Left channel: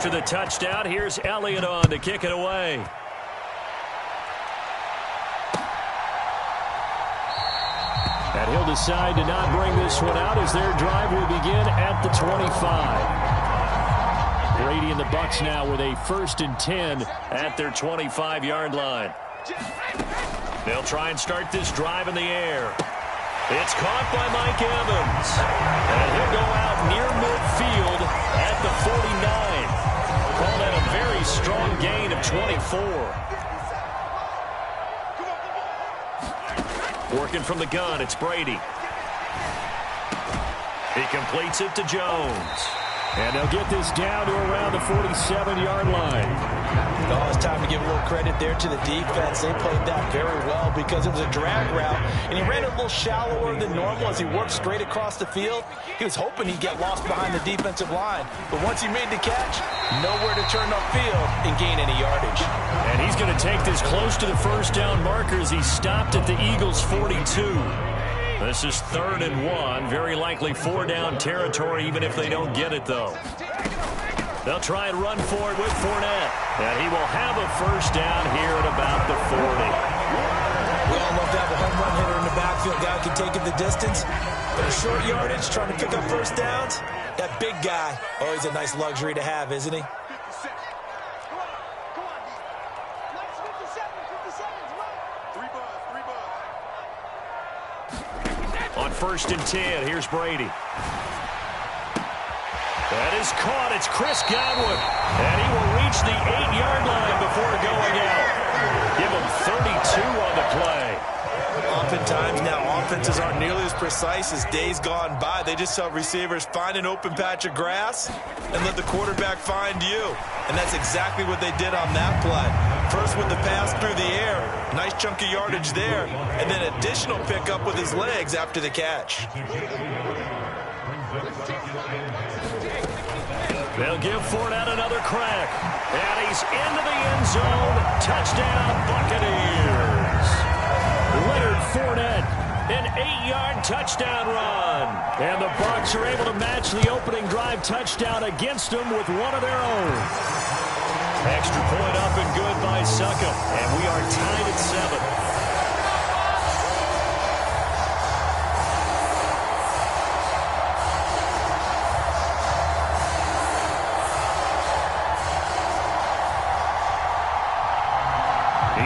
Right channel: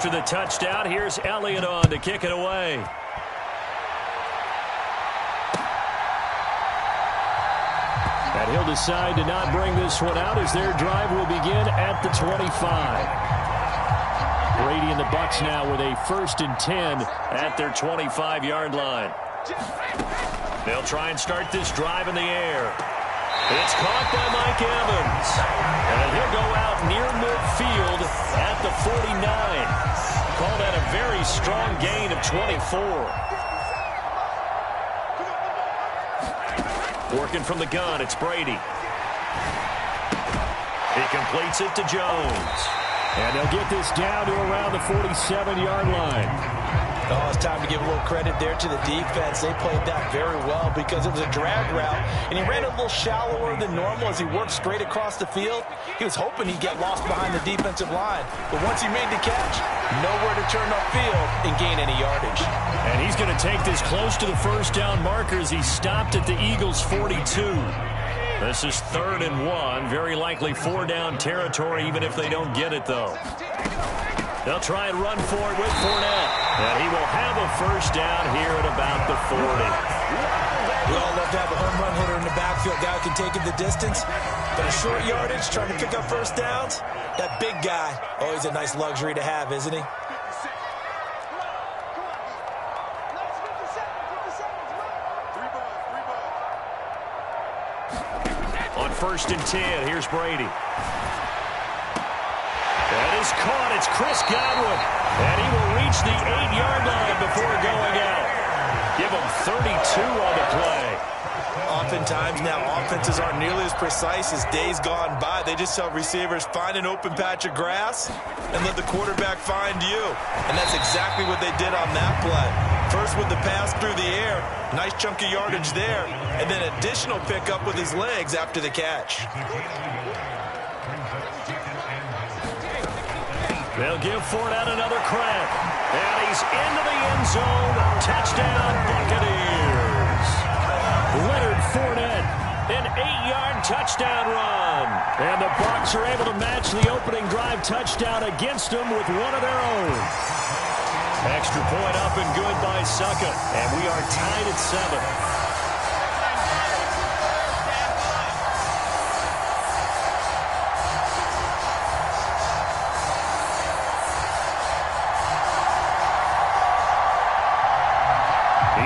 After the touchdown, here's Elliott on to kick it away. And he'll decide to not bring this one out as their drive will begin at the 25. Brady and the Bucs now with a 1st and 10 at their 25-yard line. They'll try and start this drive in the air. It's caught by Mike Evans. And he'll go out near midfield at the 49. Call that a very strong gain of 24. Working from the gun, it's Brady. He completes it to Jones. And they'll get this down to around the 47-yard line. Oh, it's time to give a little credit there to the defense. They played that very well because it was a drag route, and he ran a little shallower than normal as he worked straight across the field. He was hoping he'd get lost behind the defensive line, but once he made the catch, nowhere to turn upfield and gain any yardage. And he's going to take this close to the first down marker as he stopped at the Eagles' 42. This is 3rd and 1. Very likely 4-down territory, even if they don't get it, though. They'll try and run for it with Fournette. And he will have a first down here at about the 40. We all love to have a home run hitter in the backfield. Guy who can take it the distance. But a short yardage, trying to pick up first downs, that big guy, always a nice luxury to have, isn't he? On 1st and 10, here's Brady. That is caught. It's Chris Godwin. And he will reach the 8-yard line before going out. Give him 32 on the play. Oftentimes now offenses aren't nearly as precise as days gone by. They just tell receivers, find an open patch of grass and let the quarterback find you. And that's exactly what they did on that play. First with the pass through the air, nice chunk of yardage there, and then additional pickup with his legs after the catch. They'll give Fournette another crack. And he's into the end zone. Touchdown, Buccaneers. Leonard Fournette, an 8-yard touchdown run. And the Bucs are able to match the opening drive touchdown against them with one of their own. Extra point up and good by Succop. And we are tied at 7.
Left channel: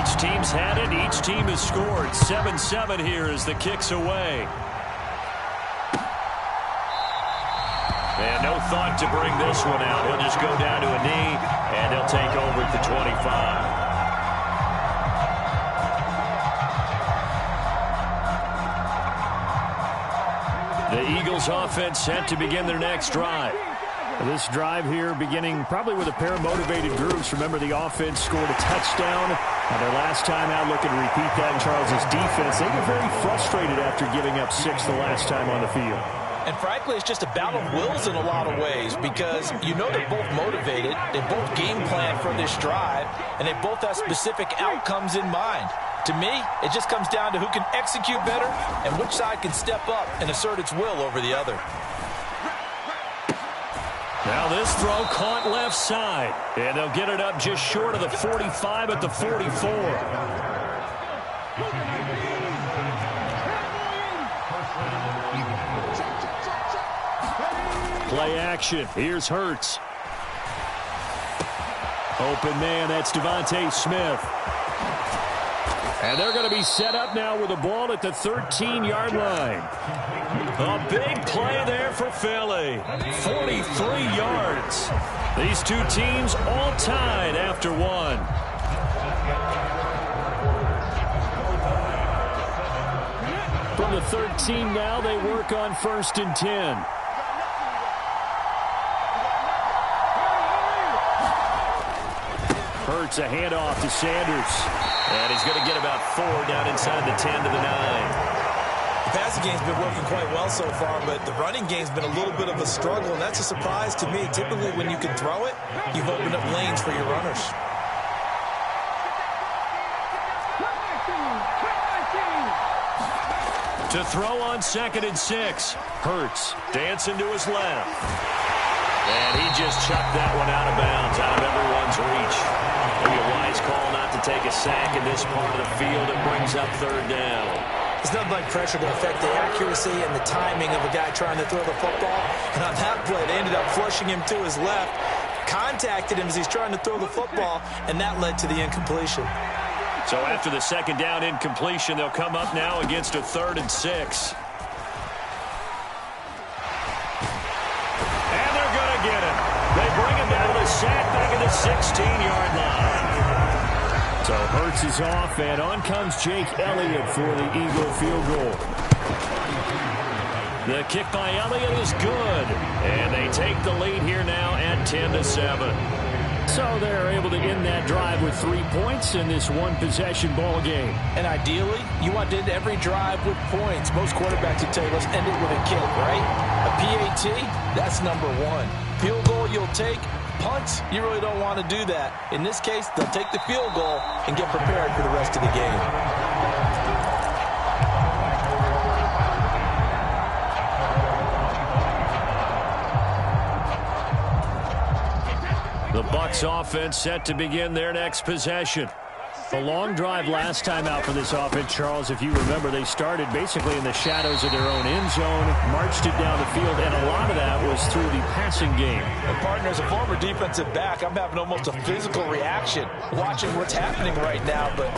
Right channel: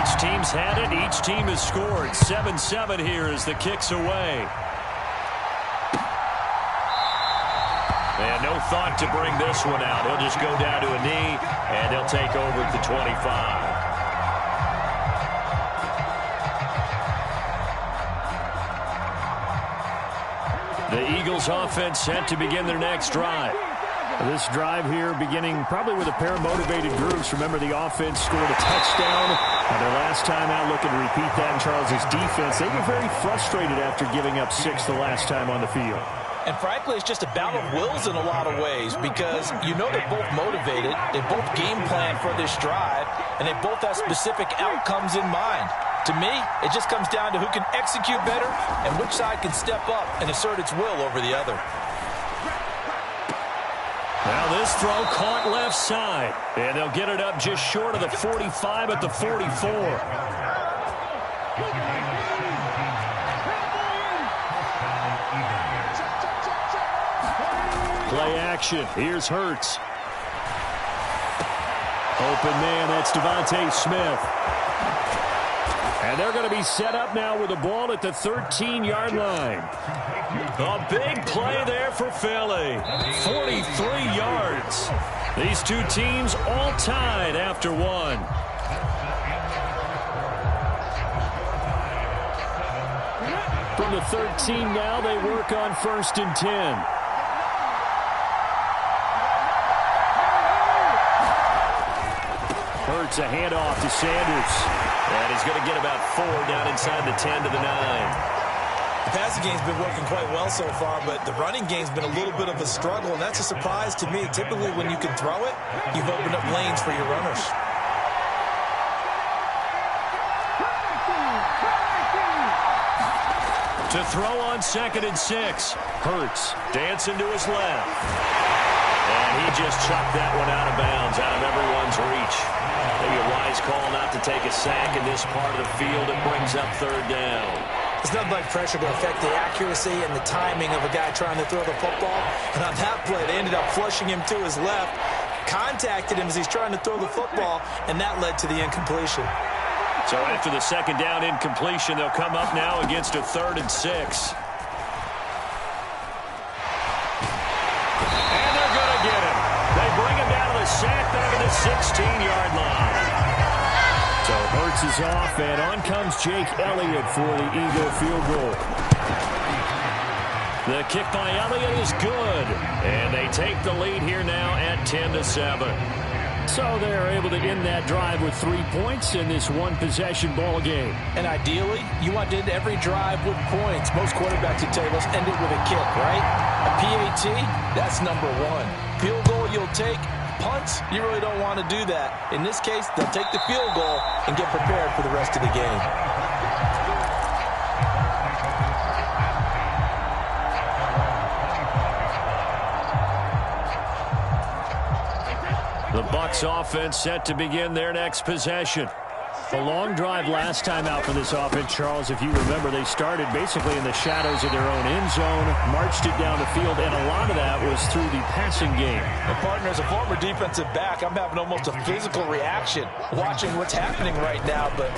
Each team's had it. Each team has scored. 7-7 here as the kick's away. And no thought to bring this one out. He'll just go down to a knee, and they'll take over at the 25. The Eagles offense set to begin their next drive. This drive here beginning probably with a pair of motivated groups. Remember, the offense scored a touchdown on their last time out. Looking to repeat that in Charles's defense. They were very frustrated after giving up 6 the last time on the field. And frankly, it's just a battle of wills in a lot of ways because you know they're both motivated. They both game plan for this drive, and they both have specific outcomes in mind. To me, it just comes down to who can execute better and which side can step up and assert its will over the other. Now this throw caught left side. And they'll get it up just short of the 45 at the 44. Play action. Here's Hurts. Open man, that's Devontae Smith. And they're going to be set up now with the ball at the 13-yard line. A big play there for Philly. 43 yards. These two teams all tied after one. From the 13 now, they work on 1st and 10. Hurts a handoff to Sanders. And he's going to get about 4 down inside the 10 to the 9. The passing game's been working quite well so far, but the running game's been a little bit of a struggle, and that's a surprise to me. Typically, when you can throw it, you've opened up lanes for your runners. To throw on 2nd and 6. Hurts dancing to his left. And he just chucked that one out of bounds, out of everyone's reach. Maybe a wise call not to take a sack in this part of the field. It brings up third down. It's nothing like pressure to affect the accuracy and the timing of a guy trying to throw the football. And on that play, they ended up flushing him to his left, contacted him as he's trying to throw the football, and that led to the incompletion. So after the second down incompletion, they'll come up now against a 3rd and 6. And they're going to get him. They bring him down to the sack back at the 16-yard line. So Hurts is off, and on comes Jake Elliott for the Eagle field goal. The kick by Elliott is good, and they take the lead here now at 10-7. So they're able to end that drive with 3 points in this one-possession ball game. And ideally, you want to end every drive with points. Most quarterbacks would tell you, let's end it with a kick, right? A PAT, that's number 1. Field goal you'll take. Punts, you really don't want to do that. In this case, they'll take the field goal and get prepared for the rest of the game. The Bucs offense set to begin their next possession. A long drive last time out for this offense, Charles. If you remember, they started basically in the shadows of their own end zone, marched it down the field, and a lot of that was through the passing game. And partner, as a former defensive back, I'm having almost a physical reaction watching what's happening right now. But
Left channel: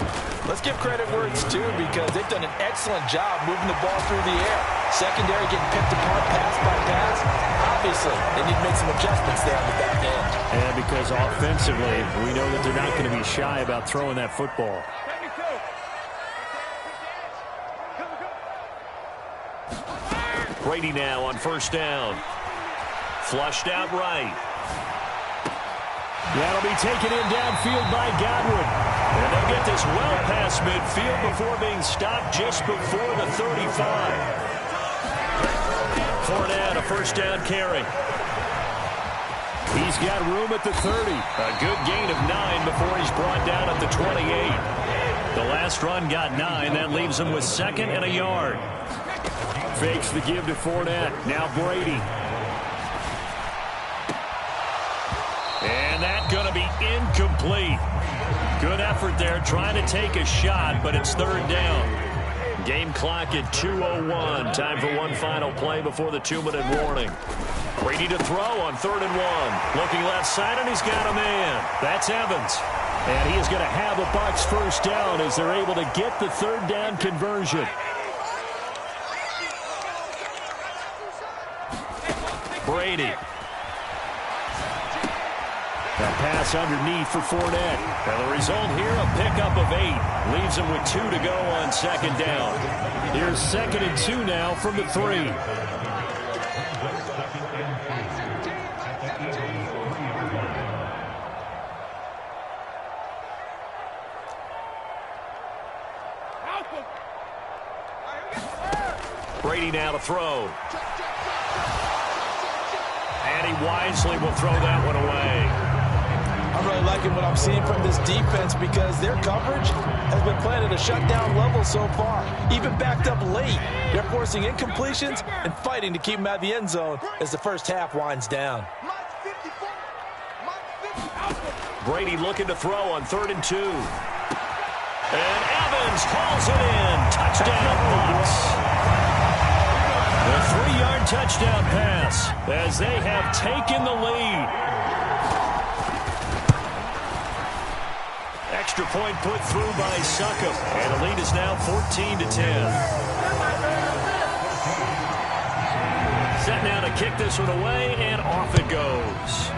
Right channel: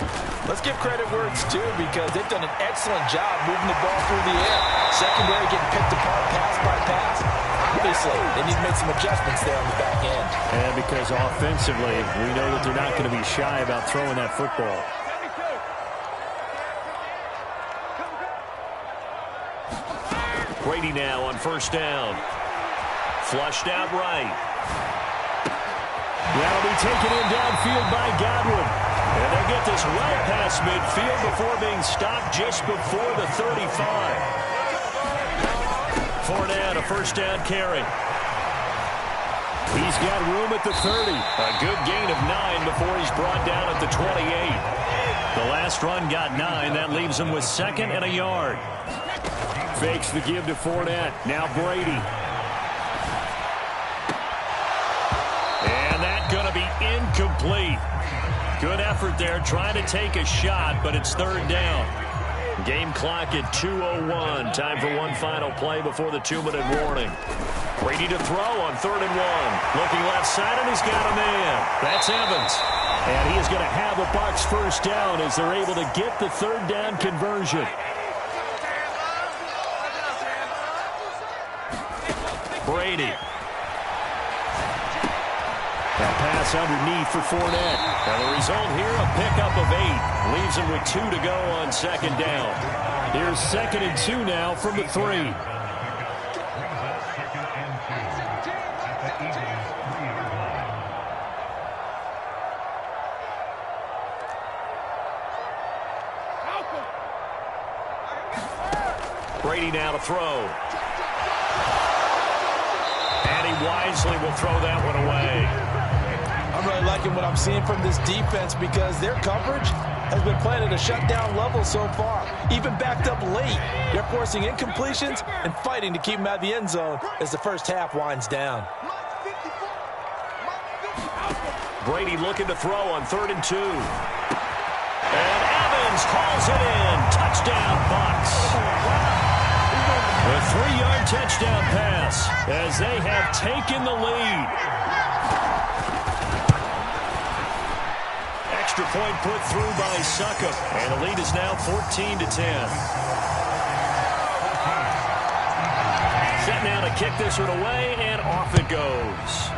let's give credit where it's due, because they've done an excellent job moving the ball through the air. Secondary getting picked apart pass by pass. Obviously, they need to make some adjustments there on the back end. And because offensively, we know that they're not going to be shy about throwing that football. Brady now on first down. Flushed out right. That'll be taken in downfield by Godwin. And they'll get this well past midfield before being stopped just before the 35. Fournette, a first down carry. He's got room at the 30. A good gain of 9 before he's brought down at the 28. The last run got 9. That leaves him with 2nd and a yard. Fakes the give to Fournette. Now Brady. And that's going to be incomplete. Good effort there trying to take a shot, but it's 3rd down. Game clock at 2:01. Time for one final play before the 2-minute warning. Brady to throw on 3rd and 1. Looking left side, and he's got a man. That's Evans. And he is going to have a Bucs first down as they're able to get the 3rd down conversion. Brady. A pass underneath for Fournette. And the result here, a pickup of 8. Leaves him with 2 to go on 2nd down. Here's 2nd and 2 now from the 3. Brady now to throw. And he wisely will throw that one away. I'm really liking what I'm seeing from this defense, because their coverage has been playing at a shutdown level so far. Even backed up late, they're forcing incompletions and fighting to keep them out of the end zone as the first half winds down. Brady looking to throw on 3rd and 2. And Evans hauls it in. Touchdown, Bucs. A 3-yard touchdown pass as they have taken the lead. Extra point put through by Succop, and the lead is now 14-10. Set now to kick this one away, and off it goes.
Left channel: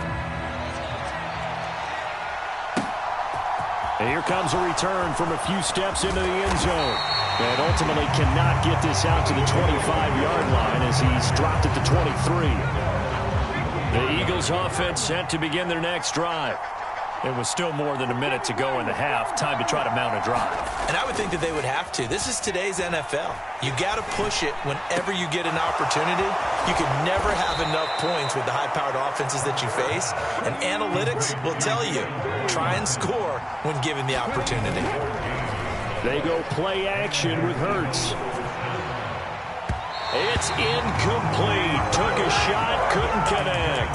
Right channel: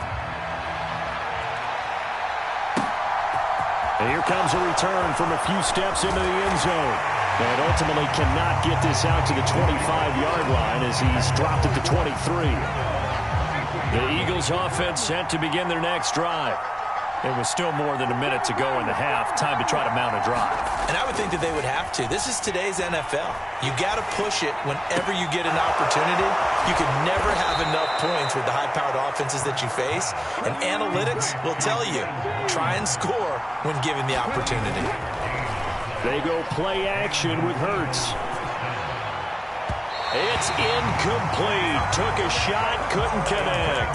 And here comes a return from a few steps into the end zone. And ultimately cannot get this out to the 25-yard line as he's dropped at the 23. The Eagles offense set to begin their next drive. It was still more than a minute to go in the half. Time to try to mount a drive. And I would think that they would have to. This is today's NFL. You got to push it whenever you get an opportunity. You can never have enough points with the high-powered offenses that you face. And analytics will tell you, try and score when given the opportunity. They go play action with Hurts. It's incomplete. Took a shot, couldn't connect.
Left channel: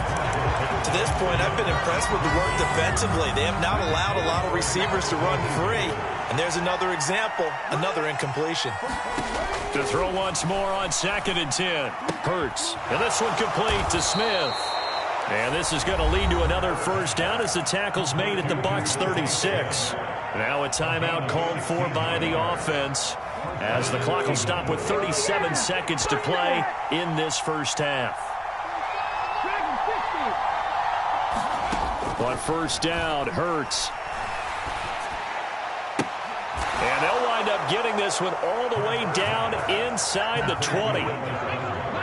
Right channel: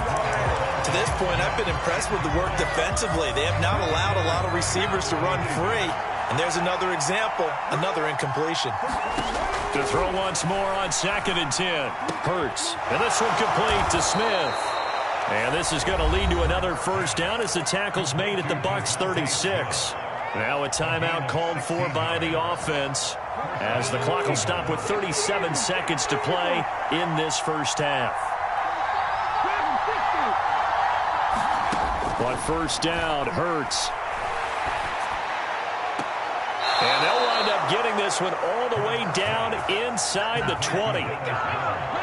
To this point, I've been impressed with the work defensively. They have not allowed a lot of receivers to run free. And there's another example, another incompletion. To throw once more on 2nd and 10. Hurts. And this one complete to Smith. And this is going to lead to another first down as the tackle's made at the Bucs 36. Now a timeout called for by the offense as the clock will stop with 37 seconds to play in this first half. But first down, Hurts. And they'll wind up getting this one all the way down inside the 20.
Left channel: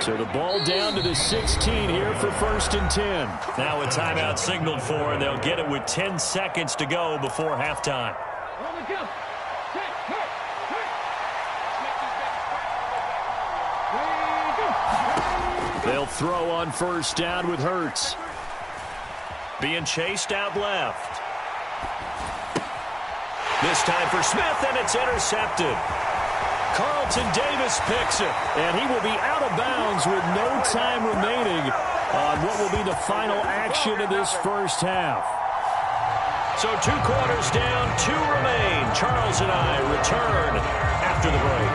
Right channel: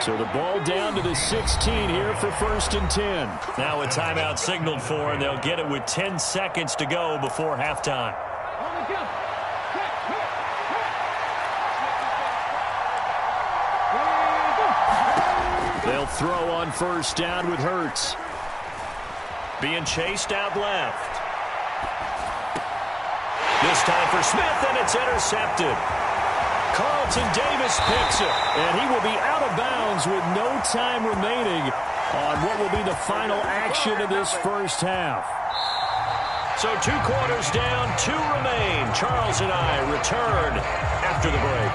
So the ball down to the 16 here for 1st and 10. Now a timeout signaled for, and they'll get it with 10 seconds to go before halftime. They'll throw on first down with Hurts. Being chased out left. This time for Smith, and it's intercepted. Carlton Davis picks it, and he will be out of bounds with no time remaining on what will be the final action of this first half. So 2 quarters down, 2 remain. Charles and I return after the break.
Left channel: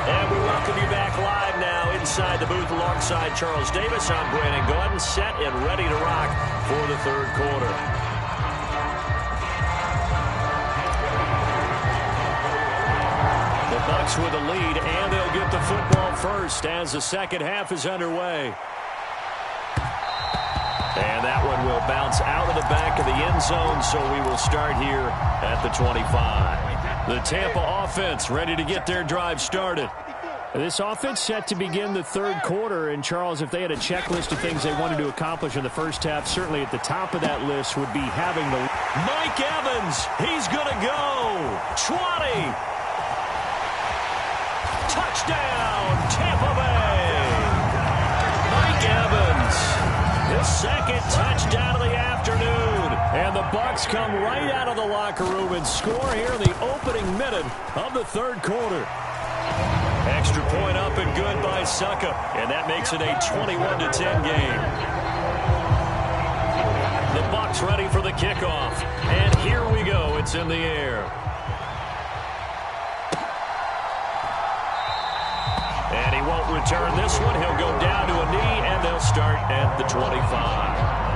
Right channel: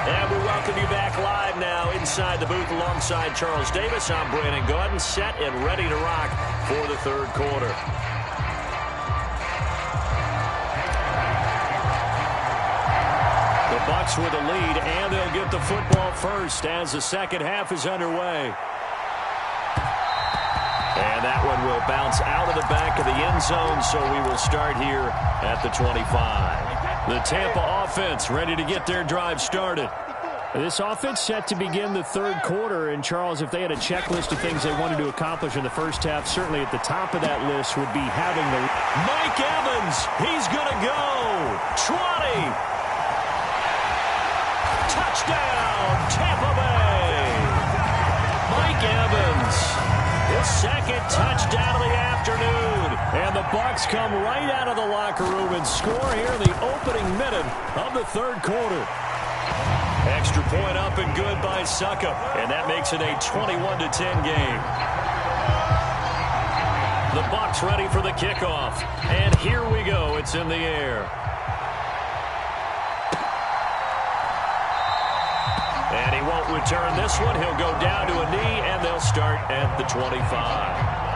And we welcome you back live now inside the booth alongside Charles Davis. I'm Brandon Gaudin, set and ready to rock for the 3rd quarter. The Bucs with the lead, and they'll get the football first as the second half is underway. And that one will bounce out of the back of the end zone, so we will start here at the 25. The Tampa offense ready to get their drive started. This offense set to begin the 3rd quarter, and Charles, if they had a checklist of things they wanted to accomplish in the first half, certainly at the top of that list would be having the... Mike Evans, he's going to go. 20. Touchdown, Tampa Bay. Mike Evans, his 2nd touchdown of the afternoon. And the Bucs come right out of the locker room and score here in the opening minute of the 3rd quarter. Extra point up and good by Suckup, and that makes it a 21-10 game. The Bucs ready for the kickoff, and here we go. It's in the air. And he won't return this one. He'll go down to a knee, and they'll start at the 25.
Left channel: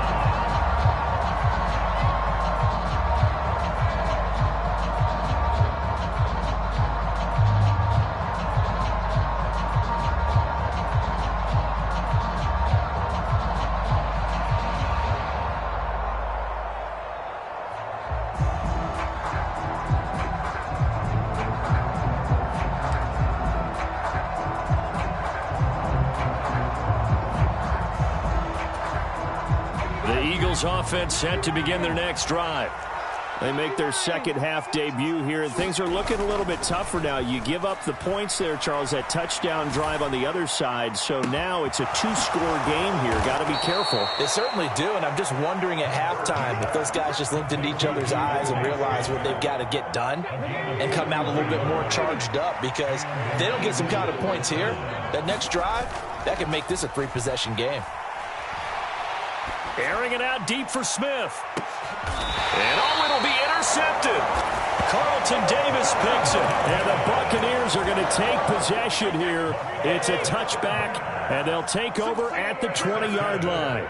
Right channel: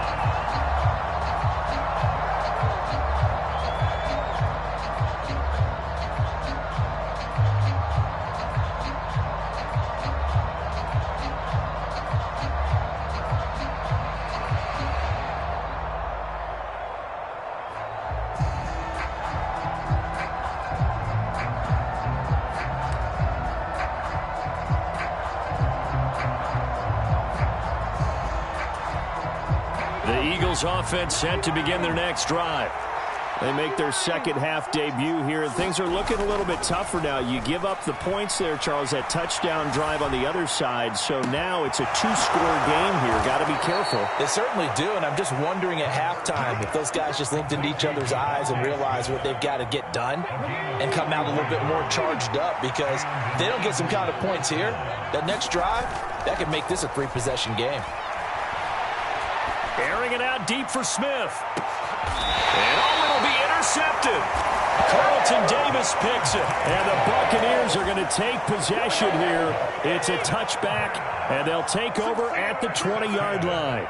Offense set to begin their next drive. They make their second half debut here, and things are looking a little bit tougher now. You give up the points there, Charles, that touchdown drive on the other side, so now it's a 2-score game here. Got to be careful. They certainly do, and I'm just wondering at halftime if those guys just looked into each other's eyes and realized what they've got to get done and come out a little bit more charged up, because if they don't get some kind of points here, that next drive, that could make this a 3-possession game. Airing it out deep for Smith. And it'll be intercepted. Carlton Davis picks it. And the Buccaneers are going to take possession here. It's a touchback, and they'll take over at the 20-yard line.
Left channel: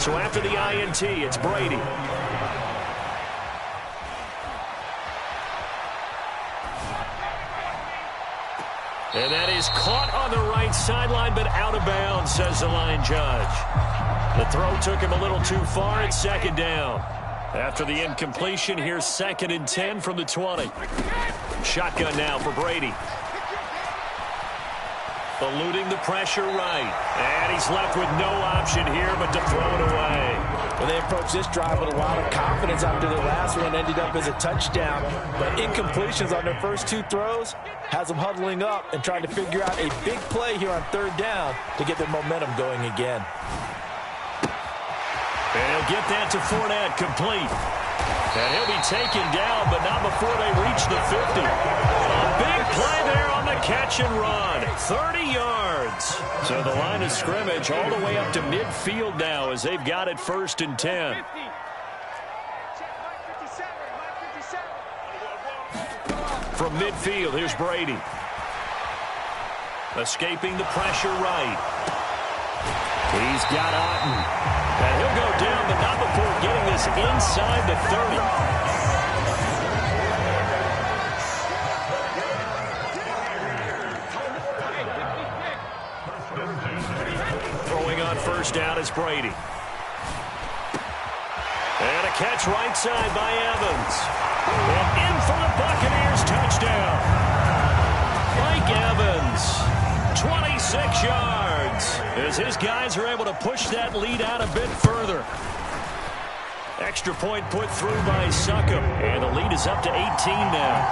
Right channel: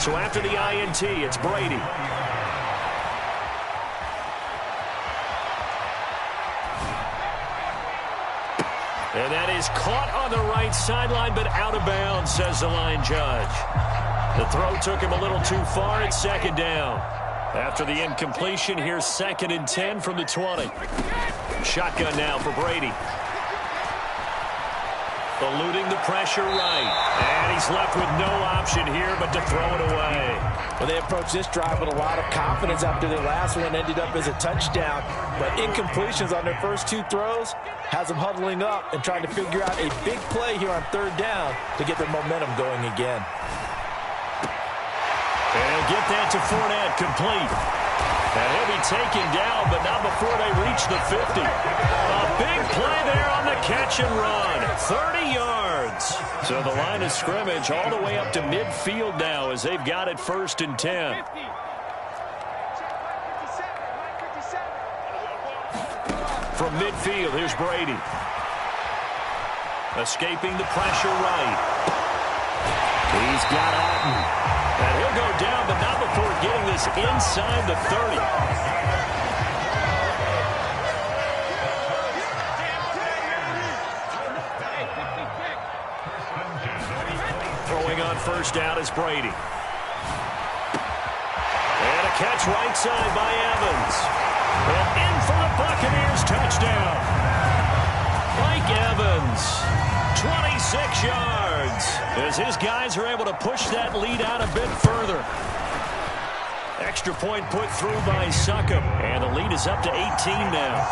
So after the INT, it's Brady. And that is caught on the right sideline, but out of bounds, says the line judge. The throw took him a little too far. It's 2nd down. After the incompletion, here's 2nd and 10 from the 20. Shotgun now for Brady. Eluding the pressure right. And he's left with no option here but to throw it away. Well, they approached this drive with a lot of confidence after their last one ended up as a touchdown. But incompletions on their first 2 throws has them huddling up and trying to figure out a big play here on 3rd down to get their momentum going again. And he'll get that to Fournette, complete. And he'll be taken down, but not before they reach the 50. A big play there on the catch and run. 30 yards. So the line of scrimmage all the way up to midfield now as they've got it 1st and 10. From midfield, here's Brady. Escaping the pressure right. He's got Otten. And he'll go down, but not before getting this inside the 30. Throwing on 1st down is Brady. And a catch right side by Evans. And in for the Buccaneers touchdown. Mike Evans, 26 yards, as his guys are able to push that lead out a bit further. Extra point put through by Succop, and the lead is up to 18 now.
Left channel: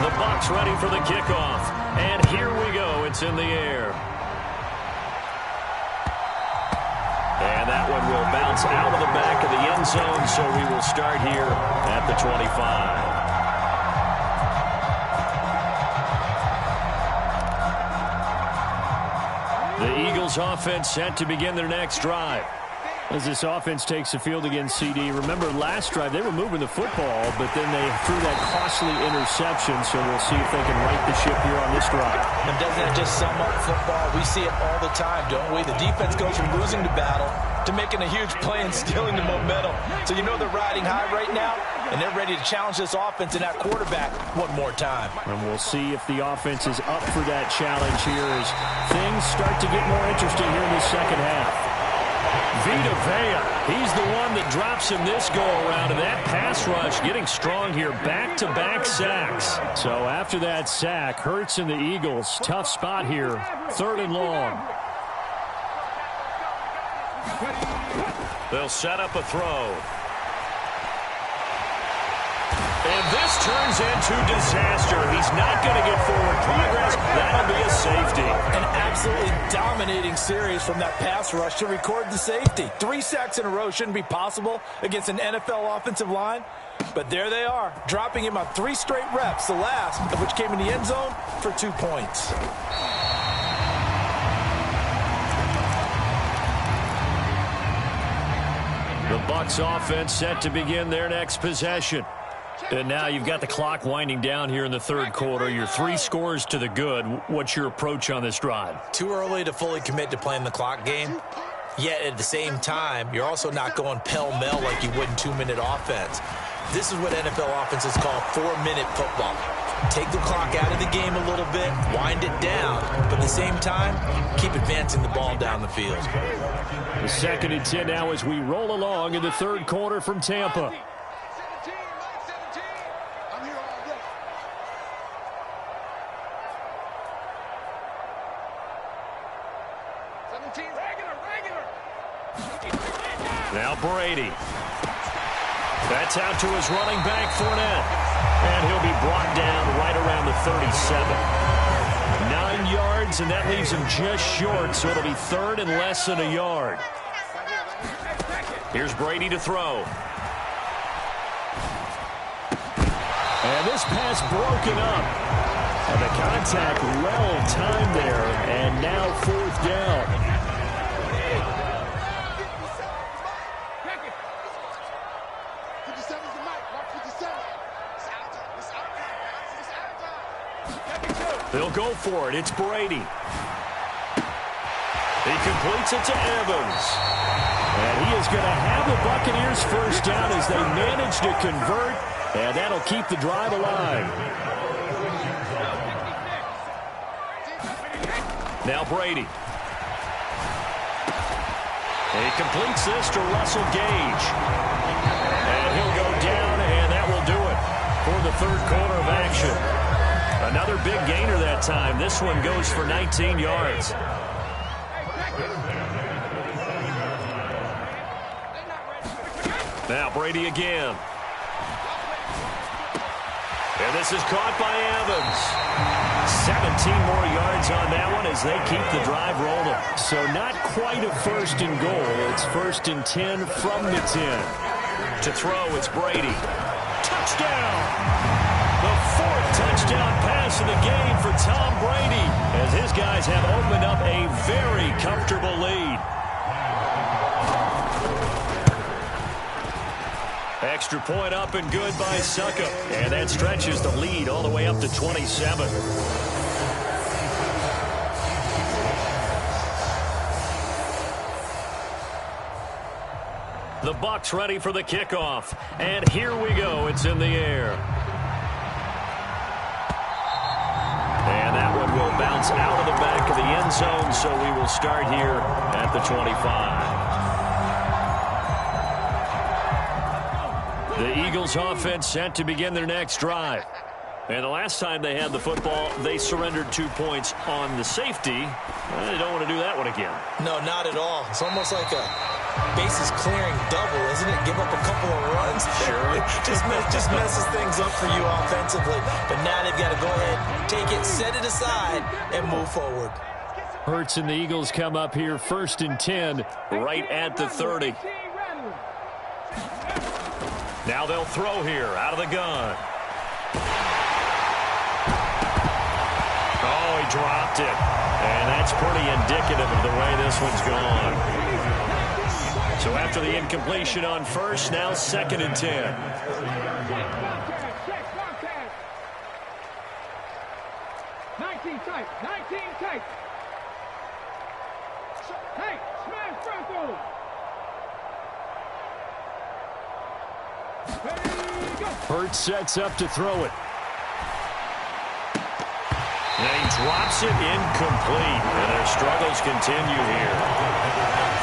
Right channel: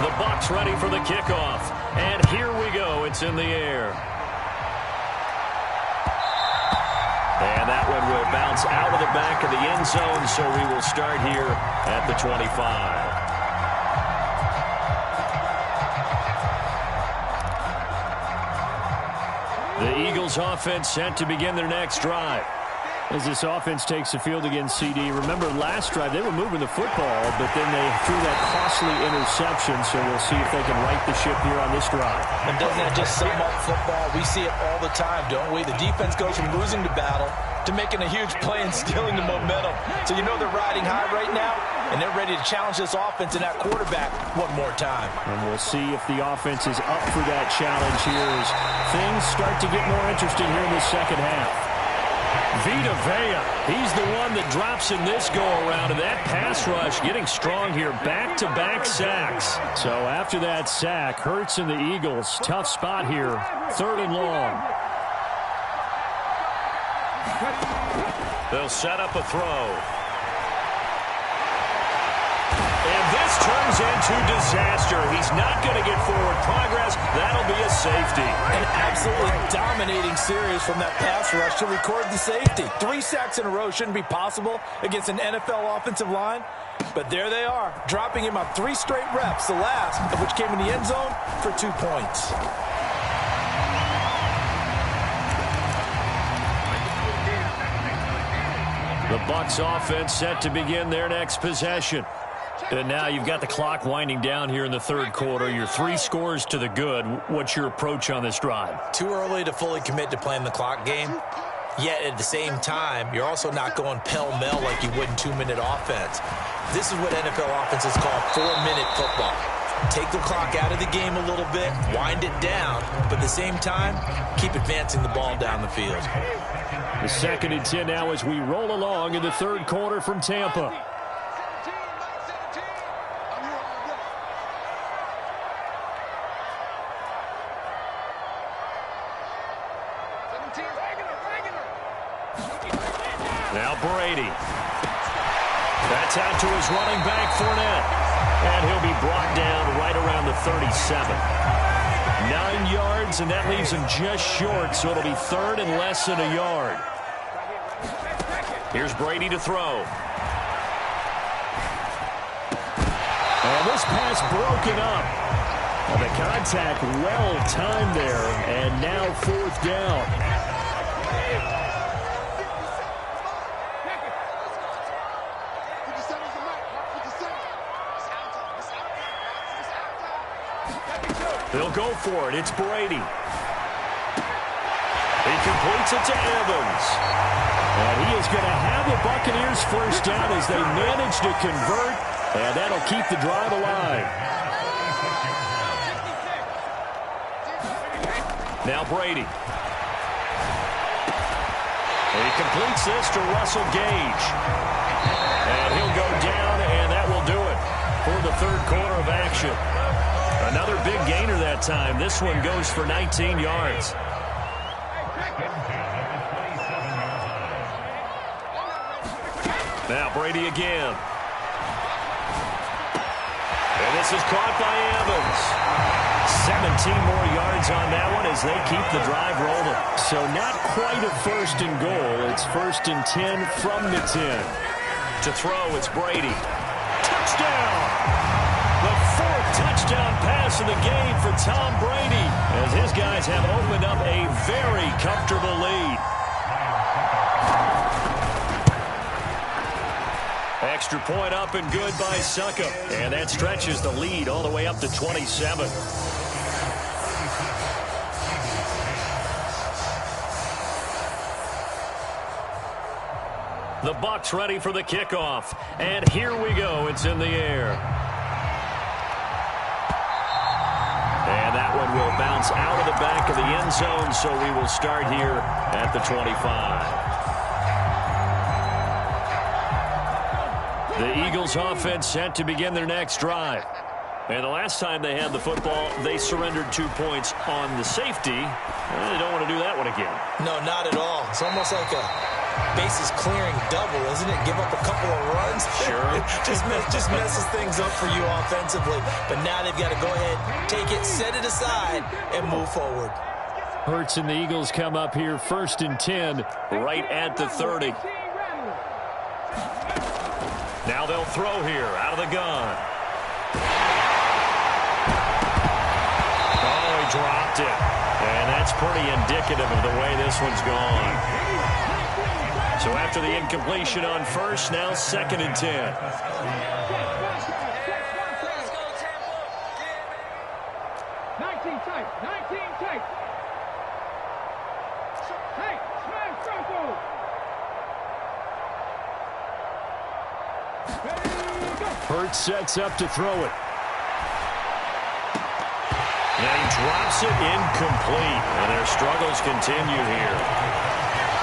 The Bucs ready for the kickoff, and here we go. It's in the air. And that one will bounce out of the back of the end zone, so we will start here at the 25. The Eagles offense set to begin their next drive. As this offense takes the field against CD, remember last drive they were moving the football, but then they threw that costly interception, so we'll see if they can right the ship here on this drive. And doesn't that just sum up football? We see it all the time, don't we? The defense goes from losing the battle to making a huge play and stealing the momentum. So you know they're riding high right now, and they're ready to challenge this offense and that quarterback one more time. And we'll see if the offense is up for that challenge here as things start to get more interesting here in the second half. Vita Vea, he's the one that drops in this go-around, and that pass rush getting strong here, back-to-back sacks. So after that sack, Hurts and the Eagles, tough spot here, 3rd and long. They'll set up a throw. And this turns into disaster. He's not going to get forward progress. That'll be a safety. An absolutely dominating series from that pass rush to record the safety. 3 sacks in a row shouldn't be possible against an NFL offensive line. But there they are, dropping him on 3 straight reps, the last of which came in the end zone for 2 points. The Bucs offense set to begin their next possession. And now you've got the clock winding down here in the 3rd quarter. Your 3 scores to the good. What's your approach on this drive? Too early to fully commit to playing the clock game. Yet at the same time, you're also not going pell-mell like you would in 2-minute offense. This is what NFL offenses call 4-minute football. Take the clock out of the game a little bit, wind it down, but at the same time, keep advancing the ball down the field. The 2nd and 10 now as we roll along in the 3rd quarter from Tampa. Now Brady. That's out to his running back, Fournette. And he'll be brought down right around the 37. 9 yards, and that leaves him just short, so it'll be 3rd and less than a yard. Here's Brady to throw. And this pass broken up. And the contact well timed there, and now 4th down. They'll go for it. It's Brady. He completes it to Evans. And he is going to have the Buccaneers 1st down as they manage to convert, and that'll keep the drive alive. Now Brady. He completes this to Russell Gage. And he'll go down, and that will do it for the 3rd quarter of action. Another big gainer that time. This one goes for 19 yards. Now Brady again. And this is caught by Evans. 17 more yards on that one as they keep the drive rolling. So not quite a first and goal. It's first and 10 from the 10. To throw, it's Brady. Touchdown! The fourth touchdown pass of the game for Tom Brady as his guys have opened up a very comfortable lead. Extra point up and good by Suckup. And that stretches the lead all the way up to 27. The Bucs ready for the kickoff. And here we go. It's in the air. And that one will bounce out of the back of the end zone, so we will start here at the 25. The Eagles offense set to begin their next drive. And the last time they had the football, they surrendered 2 points on the safety. They don't want to do that one again. No, not at all. It's almost like a bases clearing double, isn't it? Give up a couple of runs. Sure. just messes things up for you offensively. But now they've got to go ahead, take it, set it aside, and move forward. Hurts and the Eagles come up here first and 10 right at the 30. Now they'll throw here out of the gun. Oh, he dropped it. And that's pretty indicative of the way this one's gone. So after the incompletion on first, now second and 10. 19 tight. Hey, smash Broncos. Hurts sets up to throw it. And he drops it incomplete. And their struggles continue here.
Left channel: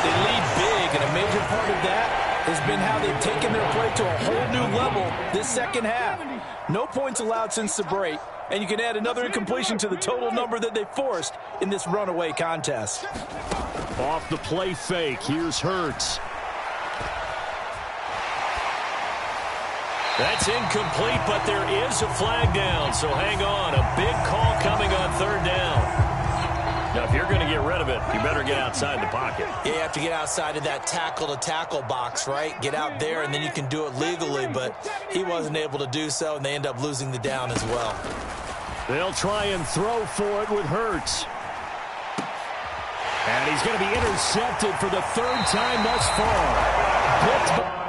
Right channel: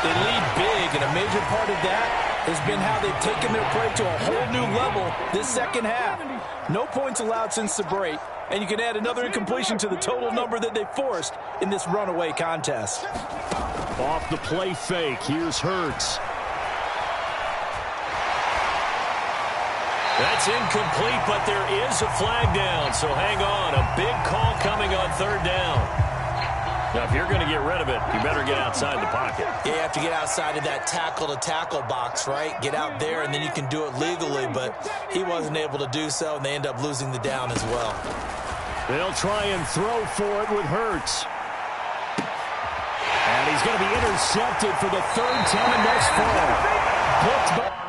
They lead big, and a major part of that has been how they've taken their play to a whole new level this second half. No points allowed since the break, and you can add another incompletion to the total number that they forced in this runaway contest. Off the play fake, here's Hurts. That's incomplete, but there is a flag down, so hang on. A big call coming on third down. Now, if you're going to get rid of it, you better get outside the pocket. Yeah, you have to get outside of that tackle-to-tackle box, right? Get out there, and then you can do it legally, but he wasn't able to do so, and they end up losing the down as well. They'll try and throw for it with Hurts. And he's going to be intercepted for the third time thus far. Picked by